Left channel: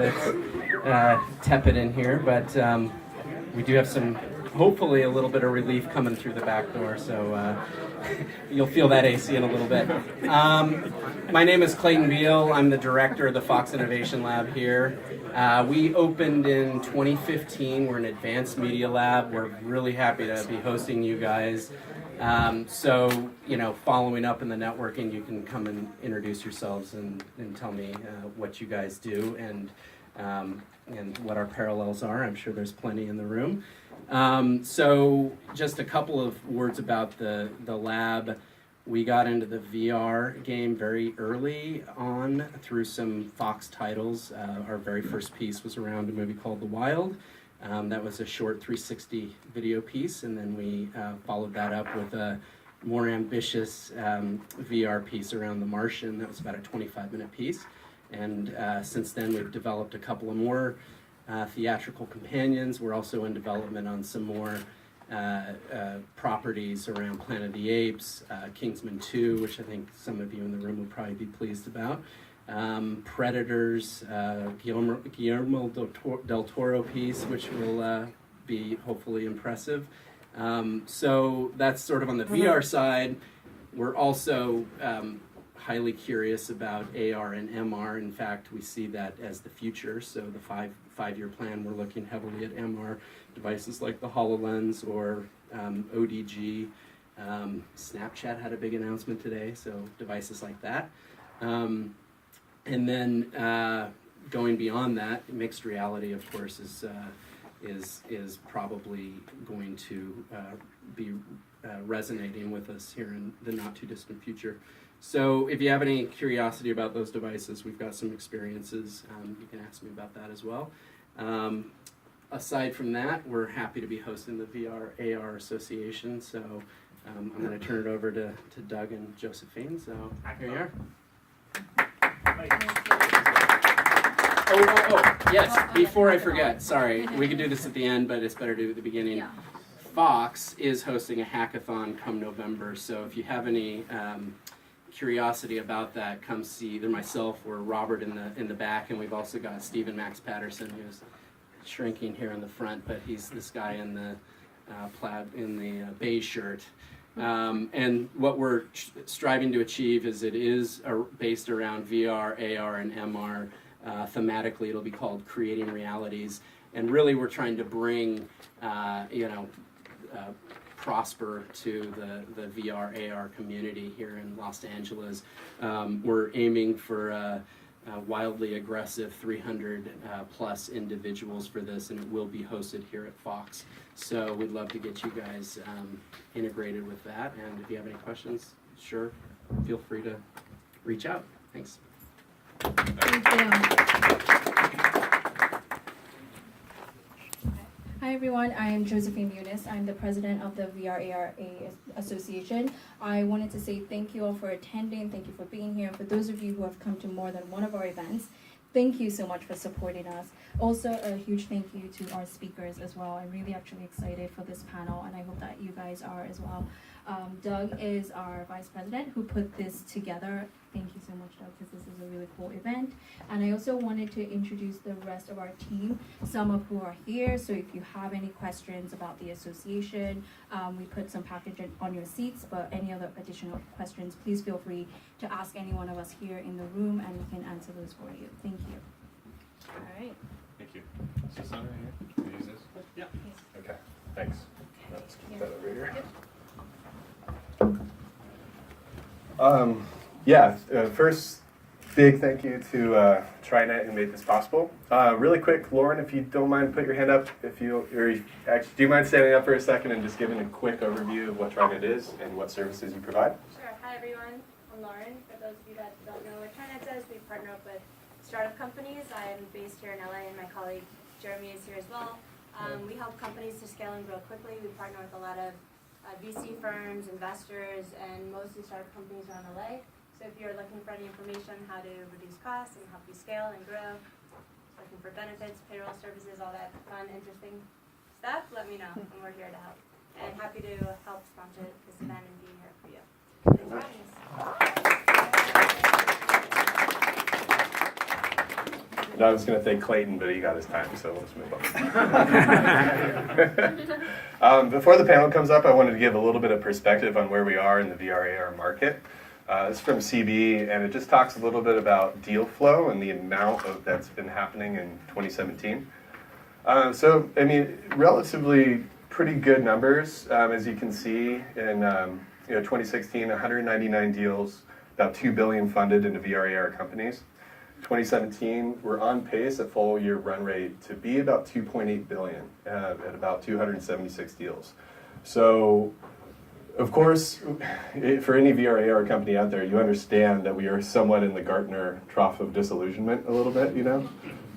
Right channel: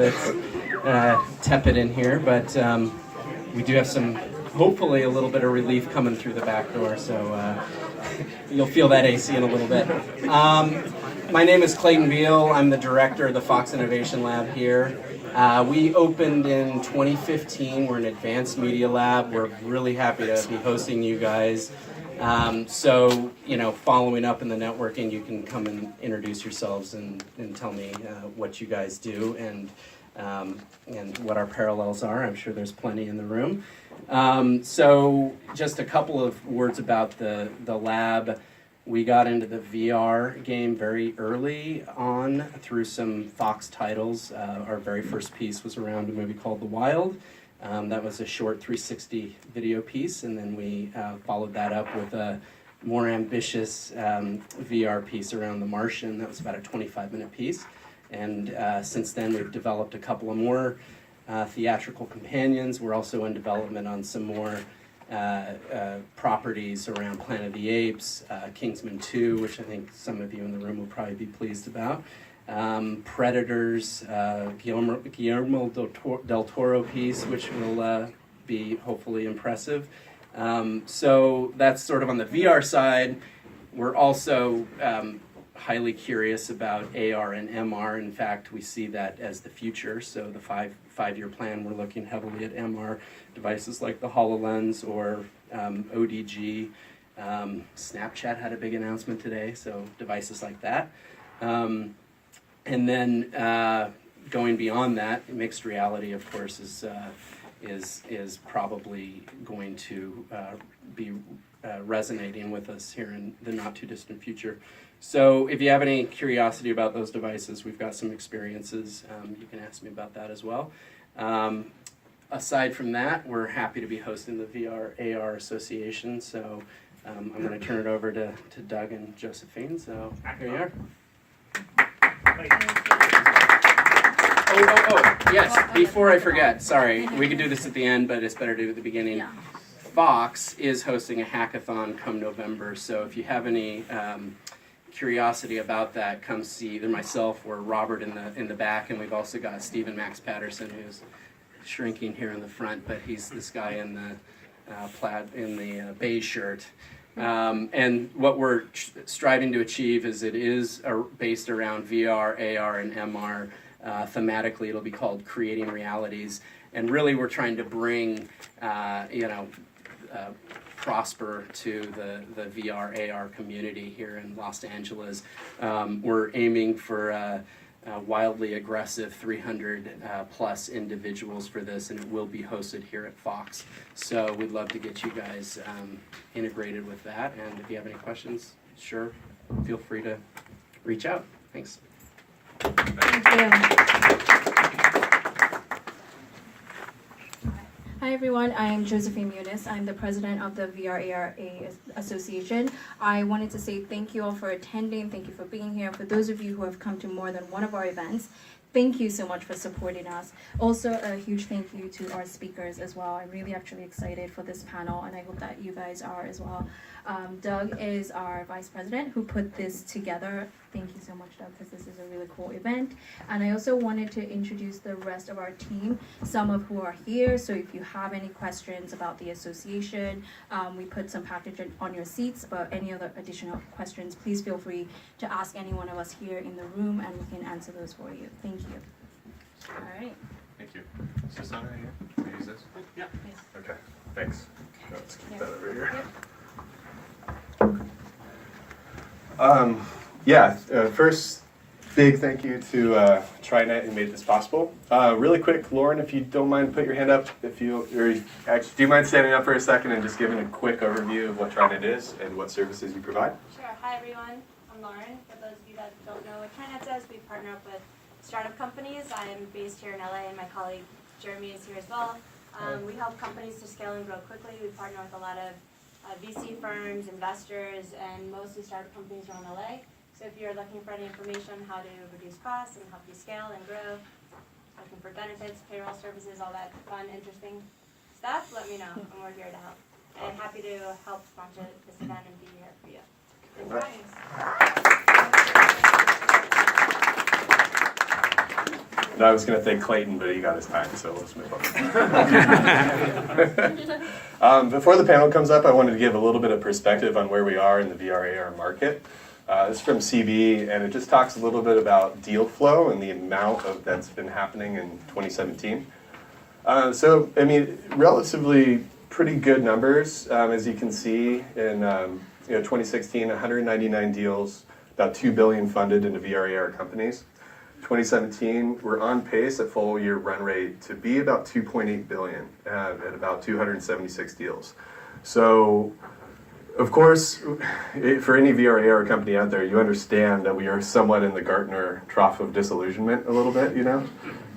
Tepid in here, but we do have some, hopefully a little bit of relief coming through the back door, so you'll feel that AC in a little bit. My name is Clayton Beale. I'm the director of the Fox Innovation Lab here. We opened in 2015. We're an advanced media lab. We're really happy to be hosting you guys. So, following up in the networking, you can come and introduce yourselves and tell me what you guys do and what our parallels are. I'm sure there's plenty in the room. So just a couple of words about the lab. We got into the VR game very early on through some Fox titles. Our very first piece was around a movie called The Wild. That was a short 360 video piece, and then we followed that up with a more ambitious VR piece around The Martian. That was about a 25-minute piece. And since then, we've developed a couple of more theatrical companions. We're also in development on some more properties around Planet of the Apes, Kingsman 2, which I think some of you in the room will probably be pleased about. Predators, Guillermo del Toro piece, which will be hopefully impressive. So that's sort of on the VR side. We're also highly curious about AR and MR. In fact, we see that as the future. So the five-year plan, we're looking heavily at MR devices like the HoloLens or ODG. Snapchat had a big announcement today, so devices like that. And then going beyond that, mixed reality, of course, is probably going to be resonating with us here in the not too distant future. So if you have any curiosity about those devices, we've got some experiences. You can ask me about that as well. Aside from that, we're happy to be hosting the VR AR Association. So I'm going to turn it over to Doug and Josephine. So here you are. Oh, yes, before I forget, sorry, we could do this at the end, but it's better to do it at the beginning. Yeah. Fox is hosting a hackathon come November, so if you have any curiosity about that, come see either myself or Robert in the back, and we've also got Stephen Max Patterson, who's shrinking here in the front, but he's this guy in the beige shirt. And what we're striving to achieve is it is based around VR, AR, and MR. Thematically, it'll be called Creating Realities, and really we're trying to bring prosper to the VR AR community here in Los Angeles. We're aiming for a wildly aggressive 300 plus individuals for this, and it will be hosted here at Fox. So we'd love to get you guys integrated with that, and if you have any questions, sure, feel free to reach out. Thanks. Thank you. Hi everyone, I am Josephine Munis. I'm the president of the VRARA Association. I wanted to say thank you all for attending. Thank you for being here. For those of you who have come to more than one of our events, thank you so much for supporting us. Also, a huge thank you to our speakers as well. I'm really actually excited for this panel, and I hope that you guys are as well. Doug is our vice president who put this together. Thank you so much, Doug, because this is a really cool event. And I also wanted to introduce the rest of our team, some of who are here. So if you have any questions about the association, we put some package on your seats, but any other additional questions, please feel free to ask any one of us here in the room, and we can answer those for you. Thank you. All right. Thank you. Is this on right here? Can we use this? Yeah. Okay, thanks. Let's keep that over here. First, big thank you to TriNet who made this possible. Really quick, Lauren, if you don't mind, put your hand up. Do you mind standing up for a second and just giving a quick overview of what TriNet is and what services you provide? Sure. Hi, everyone. I'm Lauren. For those of you that don't know what TriNet does, we partner up with startup companies. I am based here in LA, and my colleague Jeremy is here as well. We help companies to scale and grow quickly. We partner with a lot of VC firms, investors, and mostly startup companies around LA. So if you're looking for any information on how to reduce costs and help you scale and grow, looking for benefits, payroll services, all that fun, interesting stuff, let me know, and we're here to help. And happy to help sponsor this event and be here for you. Thanks for having us. And I was going to thank Clayton, but he got his time, so let's move on. Before the panel comes up, I wanted to give a little bit of perspective on where we are in the VR/AR market. It's from CB, and it just talks a little bit about deal flow and the amount of that's been happening in 2017. So, I mean, relatively pretty good numbers, as you can see in 2016, 199 deals, about $2 billion funded into VR/AR companies. 2017, we're on pace at full year run rate to be about $2.8 billion at about 276 deals. So, of course, for any VR/AR company out there, you understand that we are somewhat in the Gartner trough of disillusionment a little bit, you know?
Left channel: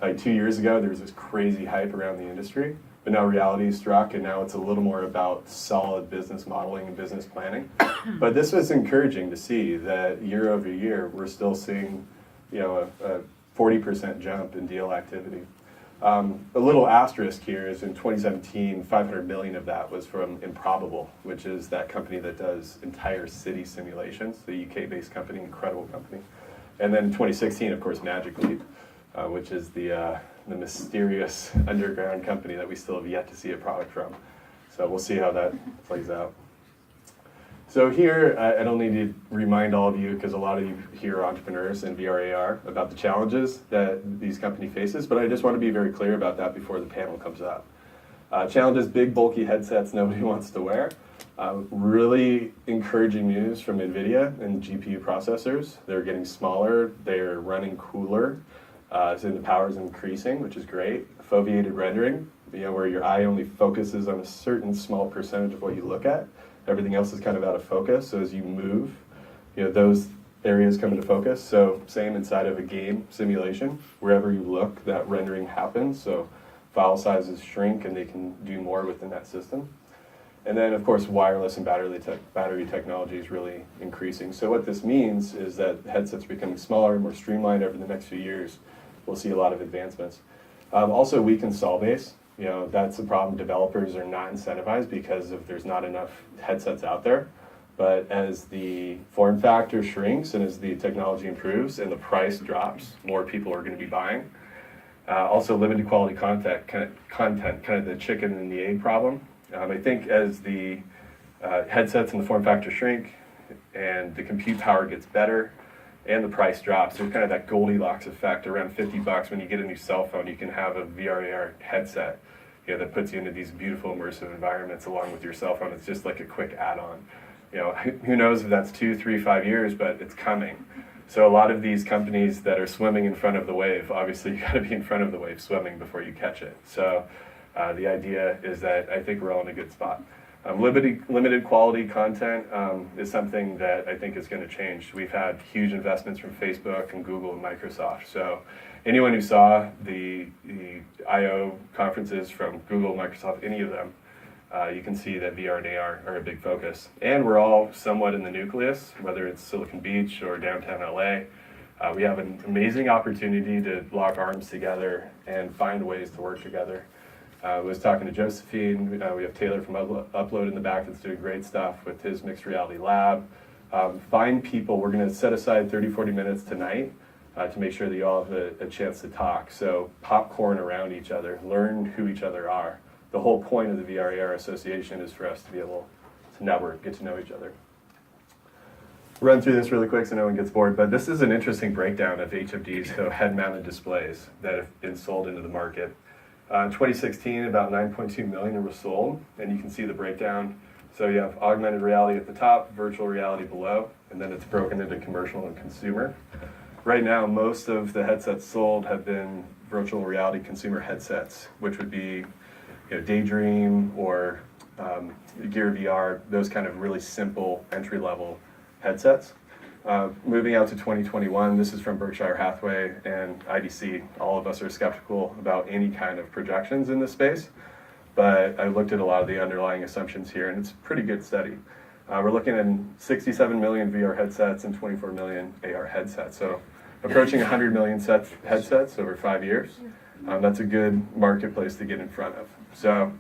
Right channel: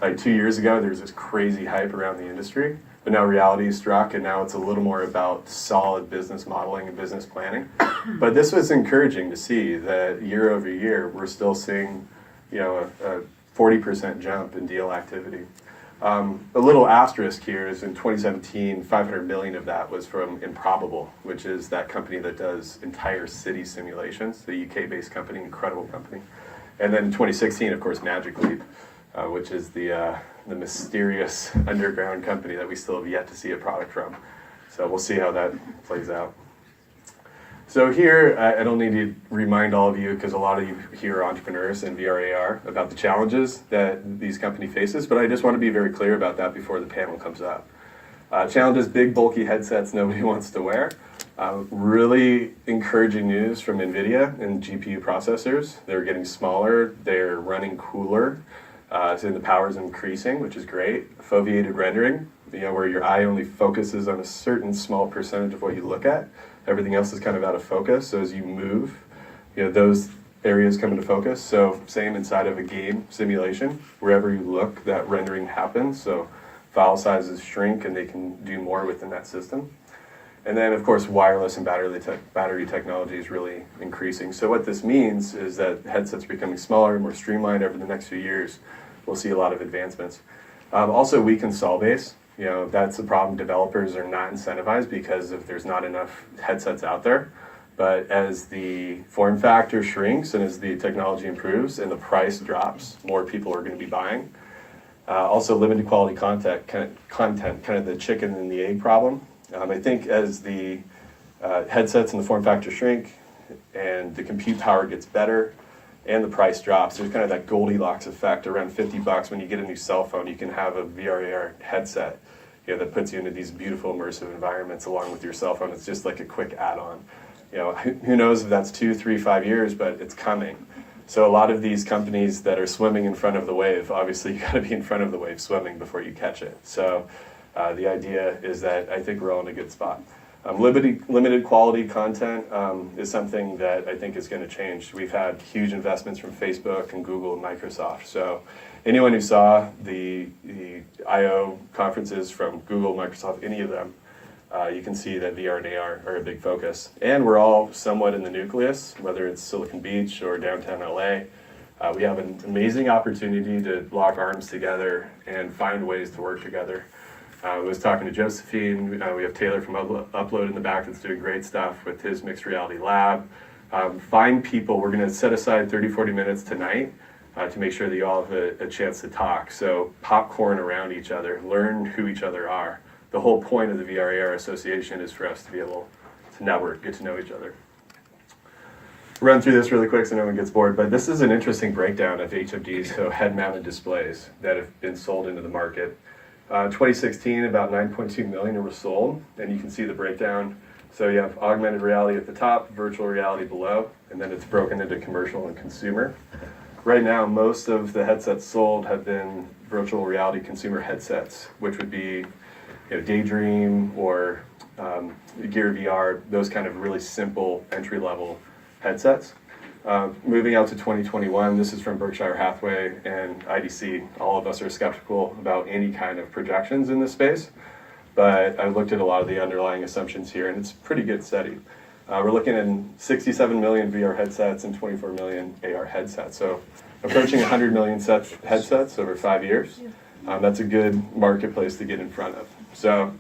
Like 2 years ago, there was this crazy hype around the industry, but now reality is struck, and now it's a little more about solid business modeling and business planning. But this was encouraging to see that year over year, we're still seeing, you know, a 40% jump in deal activity. A little asterisk here is in 2017, 500 million of that was from Improbable, which is that company that does entire city simulations, the UK-based company, incredible company. And then in 2016, of course, Magic Leap, which is the mysterious underground company that we still have yet to see a product from. So we'll see how that plays out. So here, I don't need to remind all of you, because a lot of you here are entrepreneurs in VR/AR, about the challenges that these company faces, but I just want to be very clear about that before the panel comes up. Challenges, big, bulky headsets nobody wants to wear. Really encouraging news from NVIDIA and GPU processors. They're getting smaller, they're running cooler, so the power is increasing, which is great. Foveated rendering, you know, where your eye only focuses on a certain small percentage of what you look at. Everything else is kind of out of focus, so as you move, you know, those areas come into focus. So same inside of a game simulation, wherever you look, that rendering happens. So file sizes shrink and they can do more within that system. And then, of course, wireless and battery technology is really increasing. So what this means is that headsets are becoming smaller, more streamlined over the next few years. We'll see a lot of advancements. Also, weak install base. You know, that's a problem. Developers are not incentivized because there's not enough headsets out there. But as the form factor shrinks and as the technology improves and the price drops, more people are going to be buying. Also, limited quality content, kind of the chicken and the egg problem. I think as the headsets and the form factor shrink and the compute power gets better and the price drops, there's kind of that Goldilocks effect. Around $50 when you get a new cell phone, you can have a VR/AR headset, you know, that puts you into these beautiful immersive environments along with your cell phone. It's just like a quick add-on. You know, who knows if that's 2, 3, 5 years, but it's coming. So a lot of these companies that are swimming in front of the wave, obviously you got to be in front of the wave swimming before you catch it. So the idea is that I think we're all in a good spot. Limited quality content is something that I think is going to change. We've had huge investments from Facebook and Google and Microsoft. So anyone who saw the I/O conferences from Google, Microsoft, any of them, you can see that VR and AR are a big focus. And we're all somewhat in the nucleus, whether it's Silicon Beach or downtown LA. We have an amazing opportunity to lock arms together and find ways to work together. I was talking to Josephine. We have Taylor from Upload in the back that's doing great stuff with his mixed reality lab. Find people. We're going to set aside 30, 40 minutes tonight to make sure that you all have a chance to talk. So popcorn around each other, learn who each other are. The whole point of the VR/AR Association is for us to be able to network, get to know each other. Run through this really quick so no one gets bored, but this is an interesting breakdown of HMDs, so head-mounted displays that have been sold into the market. 2016, about 9.2 million were sold, and you can see the breakdown. So you have augmented reality at the top, virtual reality below, and then it's broken into commercial and consumer. Right now, most of the headsets sold have been virtual reality consumer headsets, which would be, you know, Daydream or Gear VR, those kind of really simple entry-level headsets. Moving out to 2021, this is from Berkshire Hathaway and IDC. All of us are skeptical about any kind of projections in this space, but I looked at a lot of the underlying assumptions here, and it's pretty good study. We're looking at 67 million VR headsets and 24 million AR headsets, so approaching 100 million headsets over 5 years. That's a good marketplace to get in front of. So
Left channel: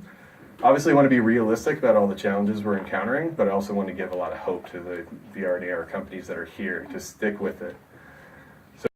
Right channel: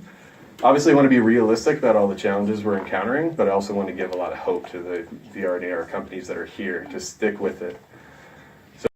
obviously I want to be realistic about all the challenges we're encountering, but I also want to give a lot of hope to the VR and AR companies that are here to stick with it.